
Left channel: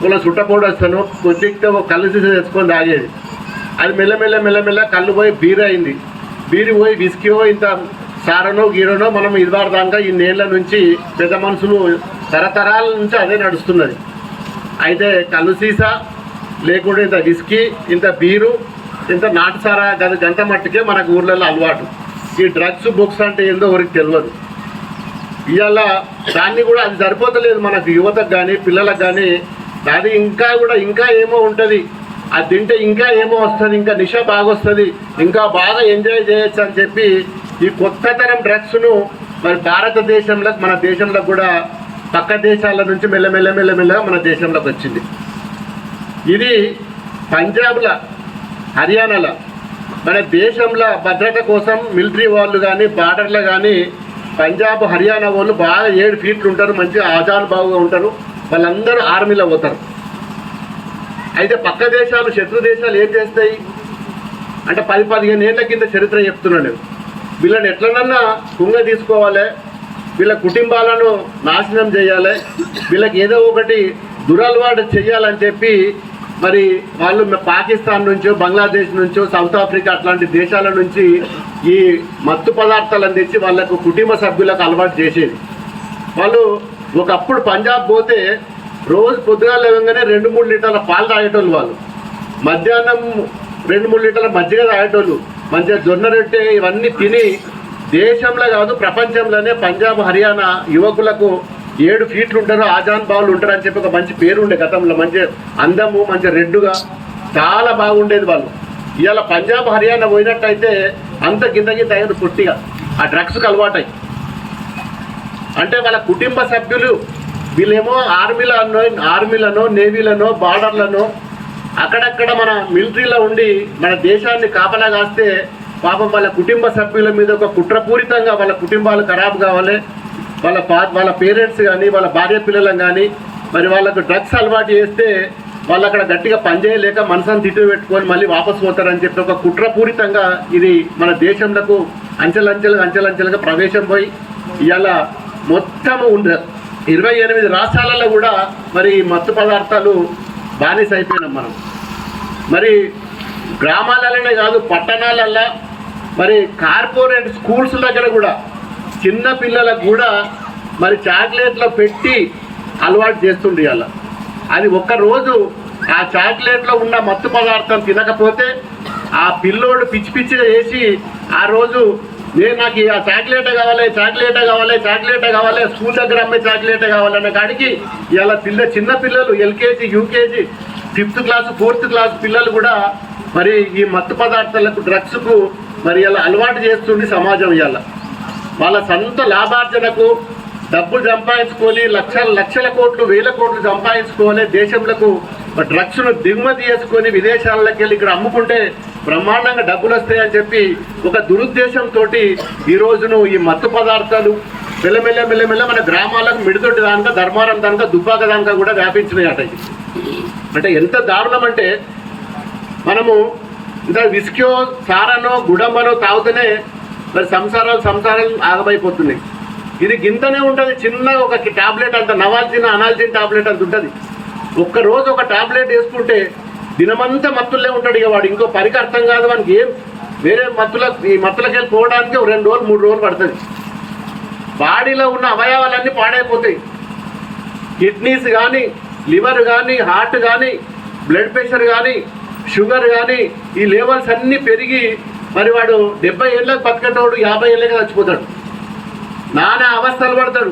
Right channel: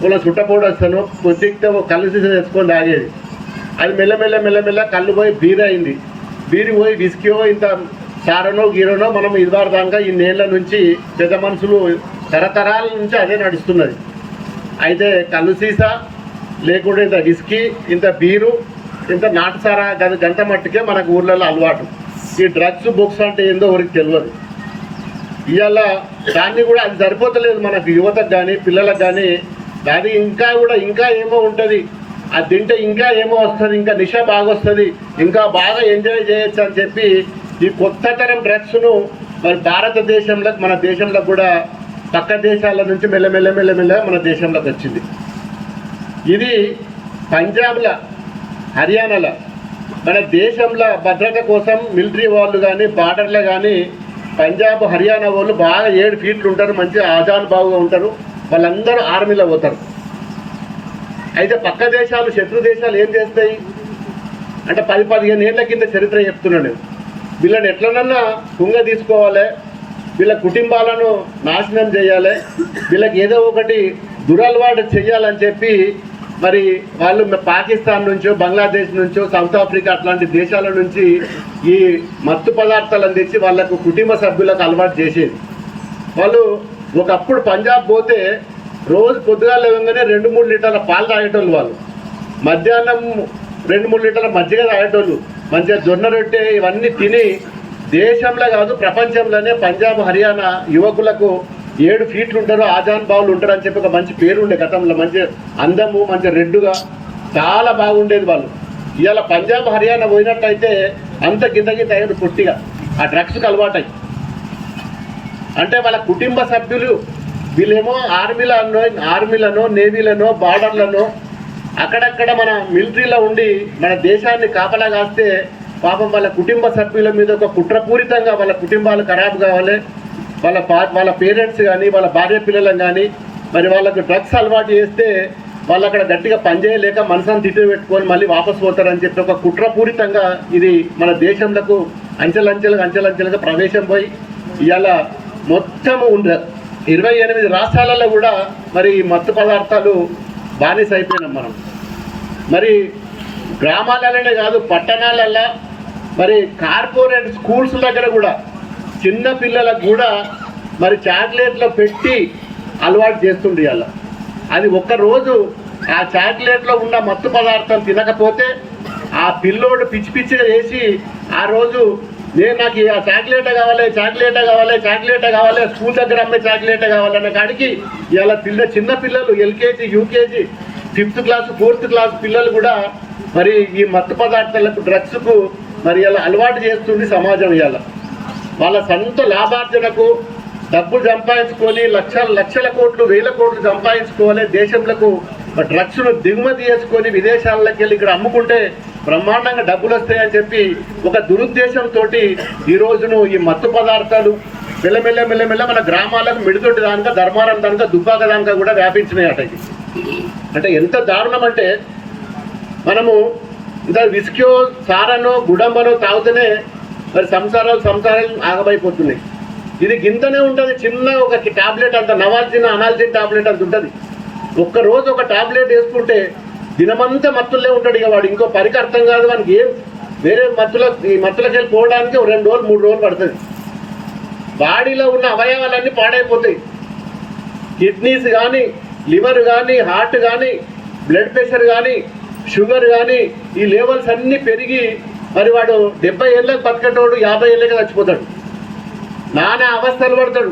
S3: ఇలా చుట్టపోడు వస్తాను కొద్దిగా కళ్ళు తీసి తెచ్చుకొని తాగేది. అది మెల్లమెల్ల మెల్లమెల్ల కళ్ళు పోయి బీర్ అయింది. బీరి పోయి విస్కీయో ఇంత సారనో గీరనో మనం ఇదివారదాకా ఈ నేళ్ళ నుంచి పెద్ద మనుషులు తరతరాల నుంచి అదే నడుస్తున్నది. అయితే కళ్ళు సీసా లేకుంటే ఇంత విస్కీ ఇంత బీరు ఇంత నాటుసారా గది గంట మట్టుకే మనకు ఊర్లలో అలవాటు. ఈ డ్రగ్స్ బుక్స్ అంటే ఏందో ఎవరికి తెలియదు ఇవాళ దాన్ని కూడా అది సరిపోతలేదు మనకు యువతకు కానీ పిల్లలకు కానీ అది ఇంకా కూడా ఇంకా ఏమో ఉంటుంది. అది తింటే ఇంకా ఏమో వస్తుంది ఇంకా నిష బాగా వస్తుంది ఇంకా బాగా ఎంజాయ్ చేయొచ్చు అని చెప్పి ఈ కొత్త తరం డ్రగ్స్ను మరి భారతదేశంలో మన దేశంలో కూడా పక్క దేశాల నుంచి మెల్లమెల్ల మెల్లమెల్లగా మన దేశంలోకి వచ్చింది. ఇది పంజాబ్ల హర్యానాల మన దేశంలో భద్రత కోసం మిలిటరీ వాళ్ళు కానీ బార్డర్లో కానీ పంజాబ్ హర్యానా వాళ్ళు బాగా ఏడు ఫీట్లు ఉంటారు మంచిగా ఆజాన్ బాగుగా ఉంటారు వాళ్ళందరూ ఆర్మీలో పోతారు. అయితే పక్క దేశాలు శత్రు దేశాలు ఏం చేస్తాయి? అంటే పది పదిహేను ఏళ్ళ కింద చరిత్ర చెప్తున్నాను నేను. వీళ్ళని ఎట్లనన్నా కుంగ తీసుకోవాలి వీళ్ళ కుటుంబాలను నాశనం చేయాలి వీళ్ళకి ఏదో ఒకటి దురలవాటు చేయాలని చెప్పి మరి వాళ్ళు పాకిస్తాన్ నుంచో బంగ్లాదేశ్ నుంచో సౌత్ ఆఫ్రికా అట్లాంటి దేశాల నుంచి ఈ మత్తు పదార్థాలను అందించి వాళ్ళకు కుటుంబ సభ్యులకు అలవాటు చేసేది. వాళ్ళు ఒకప్పుడు పంజాబ్ పోతే రోజు పొద్దుగా లేవగానే రెండు మూడు లీటర్ల పాలు తాగేటోళ్ళు వాళ్ళు. మధ్యాహ్నం రెండు మూడు లీటర్ల మజ్జిగ తాగేటోళ్ళు. మంచిగా జొన్న రొట్టె ఇవన్నీ తిని దేశంలో కాదు ప్రపంచంలోనే పంజాబ్ హర్యానా యువకులకు ఏడు ఫీట్లు ఉంటారు ఆజాన్ బావులు ఉంటారు అని చెప్పి ఒక మంచి పేరు ఉండే గతంలో మంచి అందము మంచి రెడ్డుగా చాలా బాగుండేది వాళ్ళు. ఇవాళ పంజాబ్ హర్యానా పోయినట్టయితే అంత గింత గింత అయ్యేది పుట్టిగా ఆ డ్రగ్స్కి అలవాటై. అంటే వాళ్ళ కుటుంబ సభ్యులు వీళ్ళేమో ఆర్మీలలో ఆర్మీలను నేవీలనో బార్డర్లనో అక్కడక్కడ మన మిలిటరీలో ఉండి మన దేశాన్ని కాపలా కాస్తే పాపం వాళ్ళ కుటుంబ సభ్యుల మీద ఒక కుట్రపూరితంగా వాళ్ళ కుటుంబాలు ఖరాబ్ కావాలి. వాళ్ళ పా వాళ్ళ పేరెంట్స్ కానీ వాళ్ళ భార్య పిల్లలను కానీ మరి వాళ్ళకు డ్రగ్స్ అలవాటు చేస్తే వాళ్ళు అక్కడ గట్టిగా పనిచేయలేక మనసాన్ని తిట్టు పెట్టుకొని మళ్ళీ వాపస్ పోతారని చెప్పి ఒక కుట్రపూరితంగా ఇది మన దేశంలో అంచెలంచెలుగా అంచెలంచెలుగా ప్రవేశం పోయి ఇవాళ మొత్తము ఉండ ఇరవై ఎనిమిది రాష్ట్రాలలో కూడా మరి మత్తు పదార్థాలు బానిస అయిపోయినాం మనం. మరి గ్రామాలలోనే కాదు పట్టణాలల్లో మరి కార్పొరేట్ స్కూల్స్ దగ్గర కూడా చిన్న పిల్లలకు కూడా మరి చాక్లెట్లో పెట్టి అలవాటు చేస్తుండే అలా అది ఒక్కరోజు ఆ చాక్లెట్లో ఉన్న మత్తు పదార్థం తినకపోతే ఆ పిల్లోడు పిచ్చి పిచ్చిగా చేసి ఆ రోజు నేను నాకు ఆ చాక్లెట్ కావాలి చాక్లెట్ కావాలి చాక్లెట్ కావాలి స్కూల్ దగ్గర అమ్మే చాక్లెట్ కావాలన్న కాడికి ఇలా పిల్ల చిన్న పిల్లలు LKG UKG fifth class fourth class పిల్లలు కూడా మరి ఈ మత్తు పదార్థాలకు డ్రగ్స్కు మరి ఇలా అలవాటు చేస్తుంది సమాజం ఇలా వాళ్ళ సొంత లాభార్జనకు డబ్బులు సంపాదించుకొని లక్షల లక్షల కోట్లు వేల కోట్లు సంపాదించుకొని దేశంలో డ్రగ్స్ను దిగుమతి చేసుకొని విదేశాలకు వెళ్ళి ఇక్కడ అమ్ముకుంటే బ్రహ్మాండంగా డబ్బులు వస్తాయని చెప్పి ఒక దురుద్దేశంతో ఈ రోజును ఈ మత్తు పదార్థాలు మెల్లమెల్ల మెల్లమెల్ల మన గ్రామాలకు మిడిదొడ్డి దానిక ధర్మారం దానిక దుబ్బాక దానిక కూడా వ్యాపించినాయి అట అంటే ఎంత దారుణం అంటే మనము ఇంకా విస్కో సారనో గుడంబనో తాగుతూనే మరి సంసారాలు సంసారాలు ఆగమైపోతున్నాయి. ఇది గింతనే ఉంటుంది చిన్న ఒక టాబ్లెట్ అంత నవాల్చిన అనాల్సిన టాబ్లెట్ అంత ఉంటుంది. ఒక్క రోజు ఒక టాబ్లెట్ వేసుకుంటే దినమంతా మత్తులే ఉంటాడు ఇక వాడు. ఇంకో పరికి అర్థం కాదు వానికి ఏం. వేరే మత్తుల ఈ మత్తులకి వెళ్ళి పోవడానికి ఒక రెండు రోజులు మూడు రోజులు పడుతుంది. బాడీలో ఉన్న అవయవాలన్నీ పాడైపోతాయి. కిడ్నీస్ కానీ లివర్ కానీ హార్ట్ కానీ బ్లడ్ ప్రెషర్ కానీ షుగర్ కానీ ఈ లెవెల్స్ అన్నీ పెరిగి మరి వాడు డెబ్బై ఏళ్ళకి బతికేటోడు యాభై ఏళ్ళకి చచ్చిపోతాడు. నానా అవస్థలు పడతాడు.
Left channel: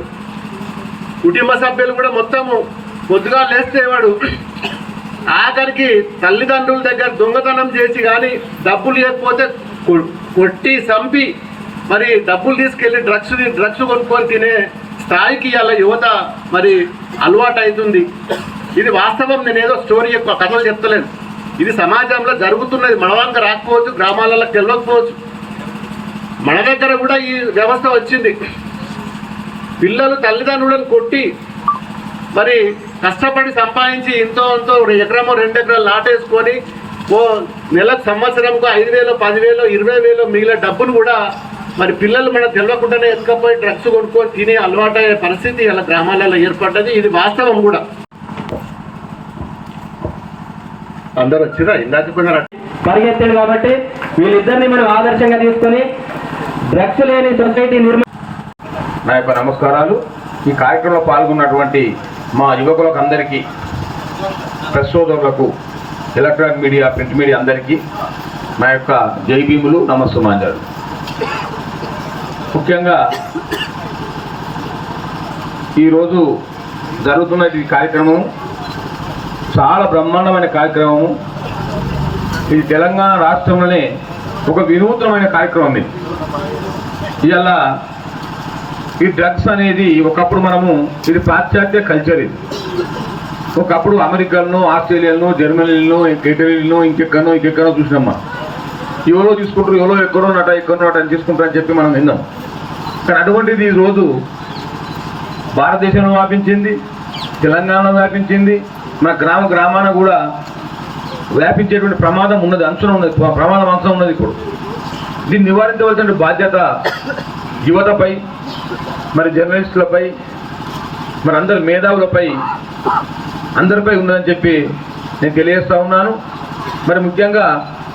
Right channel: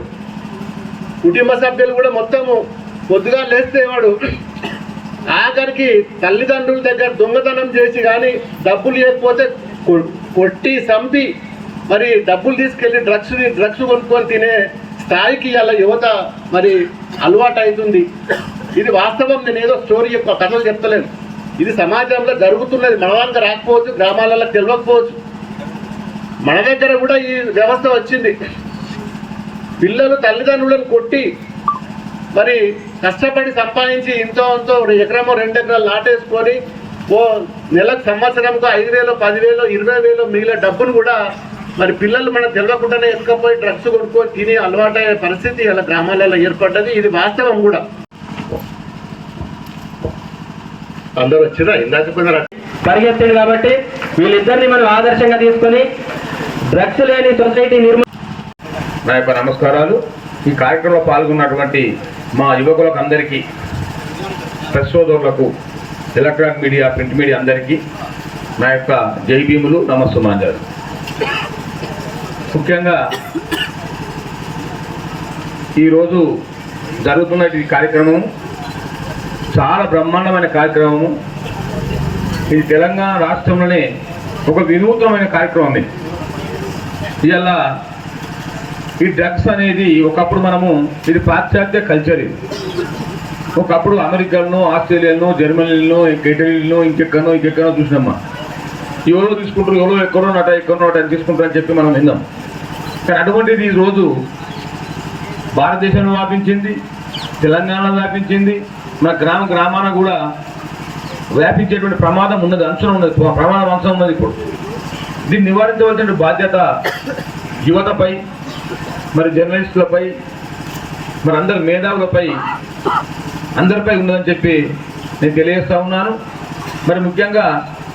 S3: కుటుంబ సభ్యులు కూడా మొత్తము పొద్దుగా లేస్తే వాడు ఆఖరికి తల్లిదండ్రుల దగ్గర దొంగతనం చేసి కానీ డబ్బులు లేకపోతే కొ- కొట్టి చంపి మరి డబ్బులు తీసుకెళ్ళి డ్రగ్స్ డ్రగ్స్ కొనుక్కొని తినే స్థాయికి అలా యువత మరి అలవాటు అవుతుంది ఇది వాస్తవం. నేను ఏదో స్టోరీ యొక్క కథలు చెప్తలేను. ఇది సమాజంలో జరుగుతున్నది. మన వంక రాకపోవచ్చు గ్రామాలలో తెలియకపోవచ్చు మన దగ్గర కూడా ఈ వ్యవస్థ వచ్చింది. పిల్లలు తల్లిదండ్రులను కొట్టి మరి కష్టపడి సంపాదించి ఇంతో అంతో ఎకరమో రెండు ఎకరాలు నాటేసుకొని ఓ నెలకు సంవత్సరంకు ఐదు వేలు పదివేలు ఇరవై వేలు మిగిలిన డబ్బును కూడా మరి పిల్లలు మనకు తెలియకుండానే ఎత్తుకపోయి డ్రగ్స్ కొనుక్కొని తిని అలవాటయ్యే పరిస్థితి ఇలా గ్రామాలలో ఏర్పడ్డది. ఇది వాస్తవం కూడా. అందరు వచ్చినా ఇందాక కొందరు
S2: పరిగెత్తాడు కాబట్టి వీళ్ళిద్దరిని మనం ఆదర్శంగా తీసుకొని డ్రగ్స్ లేని సొసైటీ నిర్మాణం
S4: నా యొక్క నమస్కారాలు. ఈ కార్యక్రమంలో పాల్గొన్నటువంటి మా యువకులకు అందరికీ ప్రెస్ సోదరులకు ఎలక్ట్రానిక్ మీడియా ప్రింట్ మీడియా అందరికీ నా యొక్క జై భీములు నమస్సుమాంజాలు. ముఖ్యంగా ఈరోజు జరుగుతున్న ఈ కార్యక్రమం చాలా బ్రహ్మాండమైన కార్యక్రమము. ఇది తెలంగాణ రాష్ట్రంలోనే ఒక వినూత్నమైన కార్యక్రమం ఇది. ఇవాళ ఈ డ్రగ్స్ అనేది ఒకప్పుడు మనము ఇది పాశ్చాత్య కల్చర్ ఇది. ఒకప్పుడు అమెరికాలను ఆస్ట్రేలియాను జర్మనీలను ఇటలీలను ఇంకెక్కడో ఇంకెక్కడో చూసినాం మనం ఎవరో తీసుకుంటారు ఎవరో ఎక్కడో నట ఎక్కడో నట అని తీసుకుంటారని అని చెప్పి మనం విన్నాం. కానీ అటువంటిది ఈ రోజు భారతదేశంలో వ్యాపించింది తెలంగాణలో వ్యాపించింది మన గ్రామ గ్రామాన కూడా వ్యాపించేటువంటి ప్రమాదం ఉన్నది అంశం ఉన్నది ప్రమాదం అంశం ఉన్నది ఇప్పుడు. దీన్ని నివారించవలసిన బాధ్యత యువతపై మరి జర్నలిస్టులపై మరి అందరి మేధావులపై అందరిపై ఉందని చెప్పి నేను తెలియజేస్తా ఉన్నాను. మరి ముఖ్యంగా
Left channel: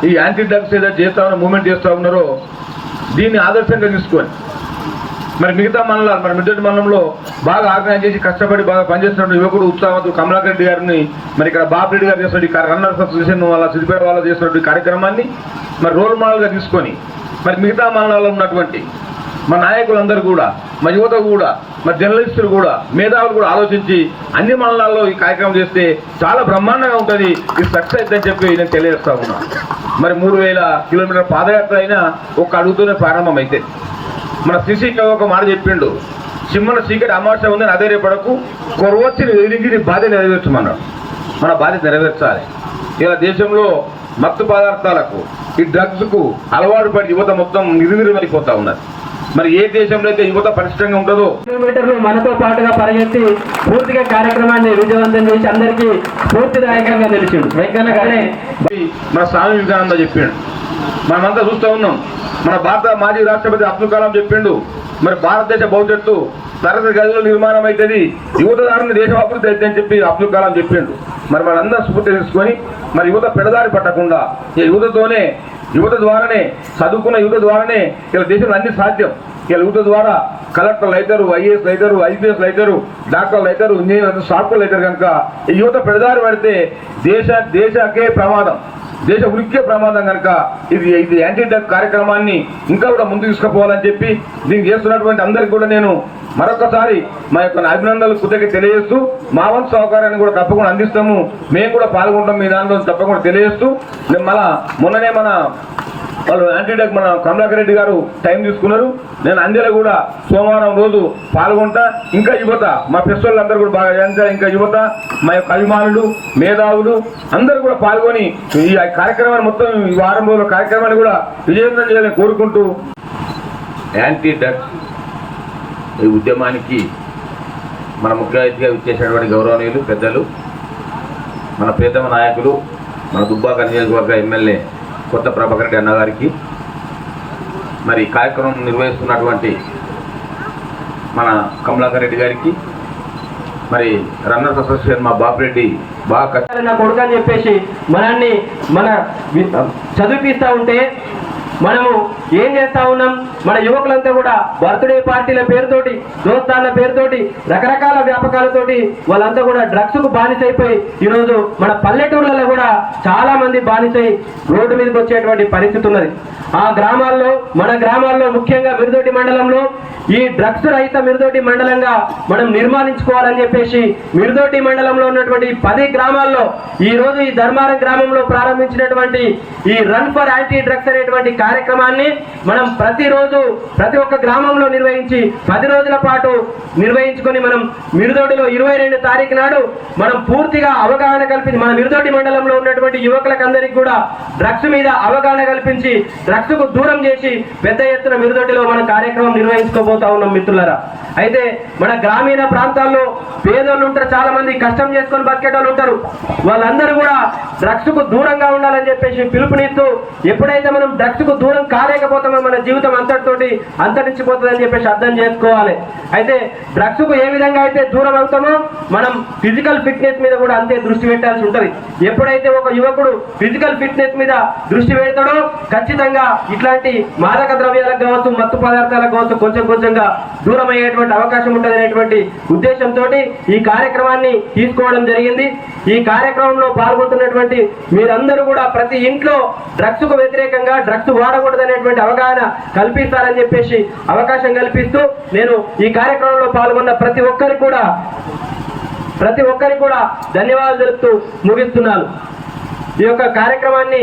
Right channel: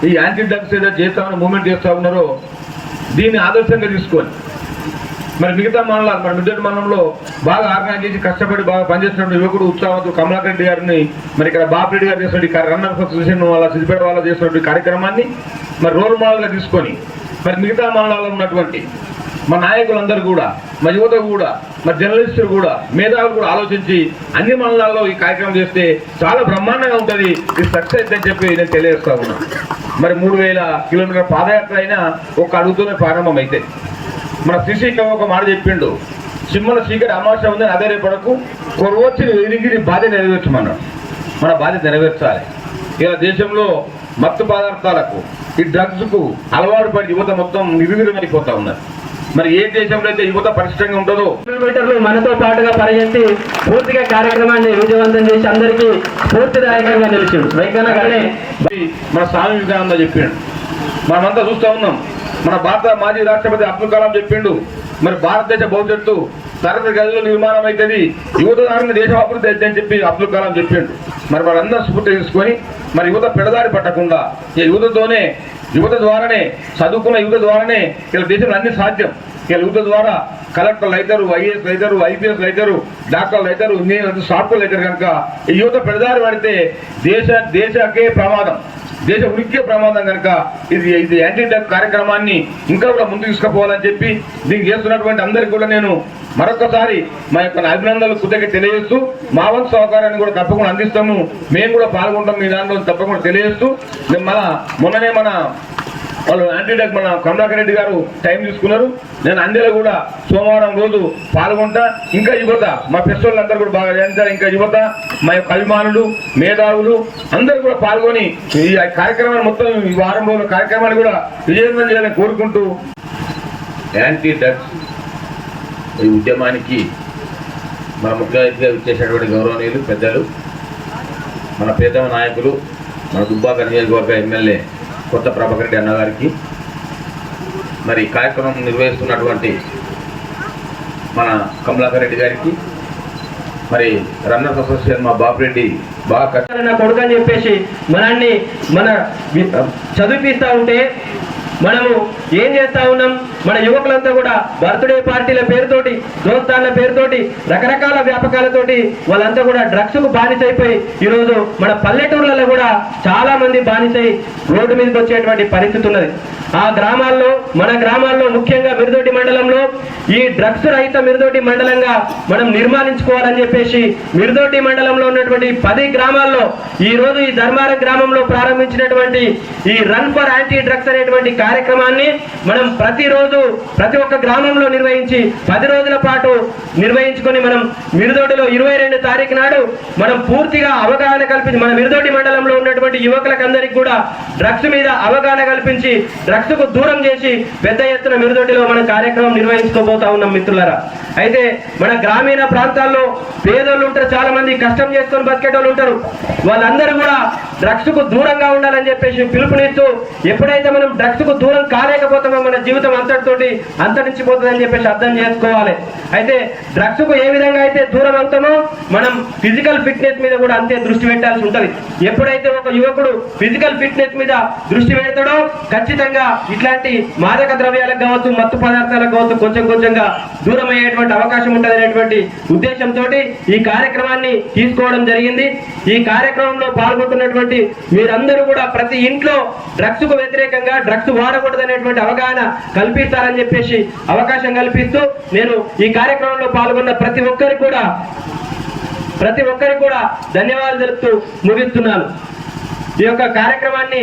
S4: ఈ యాంటీ డ్రగ్స్ ఏదైతే చేస్తా ఉన్న మూమెంట్ చేస్తూ ఉన్నారో దీన్ని ఆదర్శంగా తీసుకొని మరి మిగతా మండలాలు మరి మిడ్డటి మండలంలో బాగా ఆర్గనైజ్ చేసి కష్టపడి బాగా పనిచేస్తున్న యువకుడు ఉత్సాహంతో కమలాకర్ రెడ్డి గారిని మరి ఇక్కడ బాపిరెడ్డి గారు చేస్తున్న రన్నర్స్ అసోసియేషన్ వాళ్ళ సిద్దిపేట వాళ్ళ చేస్తున్నటువంటి కార్యక్రమాన్ని మరి రోల్ మోడల్గా తీసుకొని మరి మిగతా మండలాల్లో ఉన్నటువంటి మా నాయకులందరూ కూడా మా యువత కూడా మరి జర్నలిస్టులు కూడా మేధావులు కూడా ఆలోచించి అన్ని మండలాల్లో ఈ కార్యక్రమం చేస్తే చాలా బ్రహ్మాండంగా ఉంటుంది ఇది సక్సెస్ అవుతుందని చెప్పి నేను తెలియజేస్తా ఉన్నాను. మరి మూడు వేల కిలోమీటర్ పాదయాత్ర అయినా ఒక అడుగుతూనే ప్రారంభం అయితే మన శ్రీశైలం ఒక మాట చెప్పిండు. సింహన చీకటి అమావాస్య ఉందని అదే రేపడకు కొరవచ్చిన నీ బాధ్యత నెరవేర్చమన్నాడు. మన బాధ్యత నెరవేర్చాలి. ఇలా దేశంలో మత్తు పదార్థాలకు ఈ డ్రగ్స్కు అలవాటు పడి యువత మొత్తం నిర్వీర్యమైపోతా ఉన్నారు. మరి ఏ దేశంలో అయితే యువత పరిష్టంగా ఉంటుందో?
S2: కిలోమీటర్లు మనతో పాటుగా పరిగెత్తి పూర్తిగా కార్యక్రమాన్ని విజయవంతం చేసి అందరికీ స్ఫూర్తిదాయకంగా నిలిచిండు. వెంకన్న గారే.
S4: మన స్వామి వివేకానంద చెప్పిండు. మనమంతా చూస్తూ ఉన్నాం. మన భారత మాజీ రాష్ట్రపతి అబ్దుల్ కలాం చెప్పిండు మరి భారతదేశ భవిష్యత్తు తరగతి గదిలో నిర్మాణం అవుతుంది యువత దారిని దేశం అభివృద్ధి అయితే అని చెప్పి అబ్దుల్ కలాం చెప్పిండు. మరి మనందరూ స్ఫూర్తి తీసుకొని మరి యువత పెడదారి పట్టకుండా ఈ యువతతోనే యువత ద్వారానే చదువుకున్న యువత ద్వారానే ఇలా దేశంలో అన్ని సాధ్యం. ఇలా యువత ద్వారా కలెక్టర్లు అవుతారు ఐఏఎస్ అవుతారు ఐపీఎస్ అవుతారు డాక్టర్లు అవుతారు ఇంజనీర్లు సాఫ్ట్వేర్లు అవుతారు కనుక ఈ యువత పెడదారి పడితే దేశ దేశకే ప్రమాదం. దేశ ఉనికే ప్రమాదం కనుక ఇది ఇది యాంటీ డ్రగ్ కార్యక్రమాన్ని ఇంకా కూడా ముందు తీసుకుపోవాలని చెప్పి దీన్ని చేస్తున్నటువంటి అందరికీ కూడా నేను మరొకసారి మా యొక్క అభినందనలు కృతజ్ఞ తెలియజేస్తూ మా వంతు సహకారాన్ని కూడా తప్పకుండా అందిస్తాము. మేము కూడా పాల్గొంటాం మీ దాంట్లో తప్పకుండా తెలియజేస్తూ. నేను మన మొన్ననే మన వాళ్ళు యాంటీడక్ మన కమలాకర్ రెడ్డి గారు టైం తీసుకున్నారు నేను అందరూ కూడా సోమవారం రోజు పాల్గొంటా. ఇంకా యువత మా ఫెస్టివల్ అందరూ కూడా బాగా చేస్తారు ఇంకా యువత మా యొక్క అభిమానులు మేధావులు అందరూ కూడా పాల్గొని ఈ కార్యక్రమాన్ని మొత్తం ఈ వారం రోజుల కార్యక్రమాన్ని కూడా విజయవంతం చేయాలని కోరుకుంటూ యాంటీ డ్రగ్స్ ఈ ఉద్యమానికి మన ముఖ్య అతిథిగా ఇచ్చేసినటువంటి గౌరవనీయులు పెద్దలు మన ప్రియతమ నాయకులు మన దుబ్బాక నియోజకవర్గ ఎమ్మెల్యే కొత్త ప్రభాకర్ రెడ్డి అన్నగారికి మరి కార్యక్రమం నిర్వహిస్తున్నటువంటి మన కమలాకర్ రెడ్డి గారికి మరి రన్నర్స్ అసోసియేషన్ మా బాపిరెడ్డి బాగా
S2: నా కొడుకు అని చెప్పేసి మనల్ని మన వి- ఉంటే మనము ఏం చేస్తా ఉన్నాం? మన యువకులంతా కూడా బర్త్డే పార్టీల పేరుతోటి దోస్తాన్ల పేరుతోటి రకరకాల వ్యాపకాలతోటి వాళ్ళంతా కూడా డ్రగ్స్కు బానిసైపోయి ఈరోజు మన పల్లెటూర్లలో కూడా చాలా మంది బానిసై రోడ్డు మీదకి వచ్చేటువంటి పరిస్థితి ఉన్నది. ఆ గ్రామాల్లో మన గ్రామాల్లో ముఖ్యంగా మిరుదొడ్డి మండలంలో ఈ డ్రగ్స్ రహిత మిరుదొడ్డి మండలంగా మనం నిర్మాణించుకోవాలని చెప్పేసి మిరుదొడ్డి మండలంలో ఉన్నటువంటి పది గ్రామాల్లో ఈ రోజు ఈ ధర్మారం గ్రామంలో ప్రారంభించినటువంటి ఈ రన్ ఫర్ యాంటీ డ్రగ్స్ అనేటువంటి కార్యక్రమాన్ని మనం ప్రతిరోజు ప్రతి ఒక్క గ్రామంలో నిర్వహించి పది రోజుల పాటు నిర్వహించుకొని మనం మిరుదొడ్డిలో ఇరవై రెండు తారీఖు నాడు మనం పూర్తిగా అవగాహన కల్పించి మన మిరుదోటి మండలంలో ఉన్నటువంటి యువకులకు అందరికీ కూడా డ్రగ్స్ మీద అవగాహన కల్పించి డ్రగ్స్ కు దూరం చేసి పెద్ద ఎత్తున మిరుదొడ్డిలో మన కార్యక్రమం నిర్వహించుకోబోతా ఉన్నాం మిత్రులరా. అయితే మన గ్రామీణ ప్రాంతాల్లో పేదోళ్ళు ఉంటారు చాలా మంది కష్టం చేసుకొని బతికేటోళ్ళు ఉంటారు. వాళ్ళందరూ కూడా డ్రగ్స్కు దూరంగా ఉండాలని చెప్పేసి పిలుపునిస్తూ ఎప్పుడైతే మనం డ్రగ్స్కు దూరం కాలేకపోతామో మన జీవితం అంతటితోటి అంతరించిపోతుందని చెప్పేసి అర్థం చేసుకోవాలి. అయితే డ్రగ్స్కు ఏ విధంగా అయితే దూరం అవుతామో మనం ఫిజికల్ ఫిట్నెస్ మీద కూడా అంతే దృష్టి పెట్టాల్సి ఉంటుంది. ఎప్పుడైతే ఒక యువకుడు ఫిజికల్ ఫిట్నెస్ మీద దృష్టి పెడతాడో ఖచ్చితంగా ఇట్లాంటి మాదక ద్రవ్యాలకు కావచ్చు మత్తు పదార్థాలకు కావచ్చు కొంచెం కొంచెంగా దూరం అయ్యేటువంటి అవకాశం ఉంటుంది ఉద్దేశంతో ఈ కార్యక్రమాన్ని తీసుకోవడం జరిగింది. ఈ కార్యక్రమంలో పాల్గొంటున్నటువంటి మీరందరూ కూడా ప్రతి ఇంట్లో డ్రగ్స్కు వ్యతిరేకంగా డ్రగ్స్ వాడకూడదనేటువంటి అవగాహన కల్పిస్తారని చెప్పేసి అవకాశం కల్పిస్తూ నేను ఈ కార్యక్రమంలో పాల్గొన్న ప్రతి ఒక్కరికి కూడా ప్రతి ఒక్కరికి కూడా ధన్యవాదాలు తెలుపుతూ ముగిస్తున్నాను. ఈ యొక్క కార్యక్రమాన్ని